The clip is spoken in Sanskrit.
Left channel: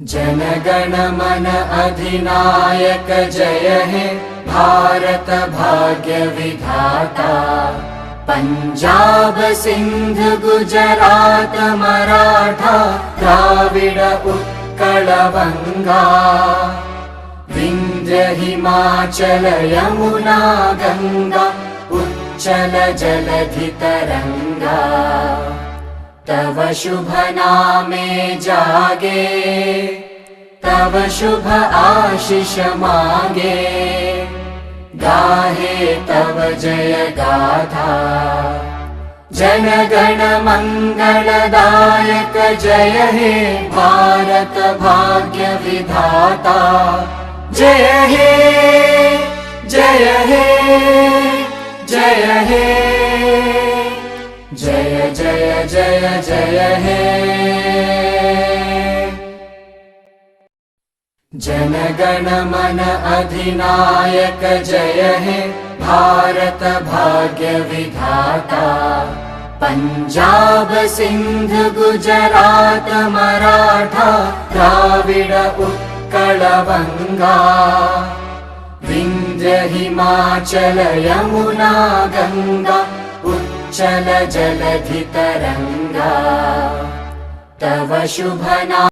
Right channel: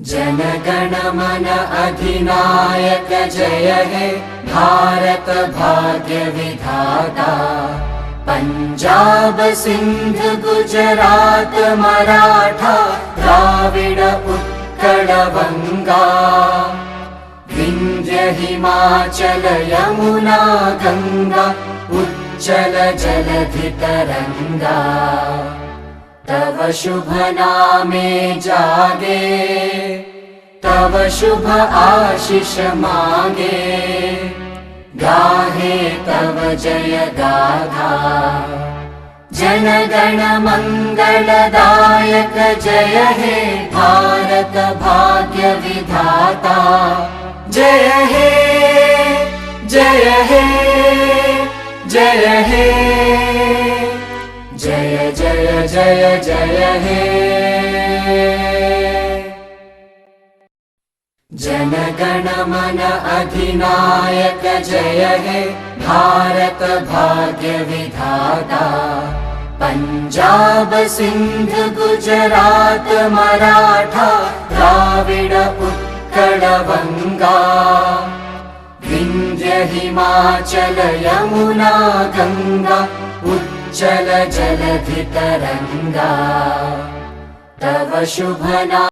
जनगण मन अधिनायक जय हे भारत भाग्य विधाता। पंजाब सिंध गुजरात मराठा द्राविड उत्कल बंगा। विंध्य हिमाचल यमुना गंगा उच्चल जलधि तरंगा। तव शुभ नामे जागे तव शुभ आशीष मागे। गाहे तव जय गाथा जनगण मंगलदायक जय हे भारत भाग्य विधाता। जय हे जय हे जय हे जय जय जय जय हे। जनगण मन अधिनायक जय हे भारत भाग्य विधाता। पंजाब सिंध गुजरात मराठा द्राविड उत्कल बंगा। विंध्य हिमाचल यमुना गंगा उच्चल जलधि तरंगा। तव शुभ नाम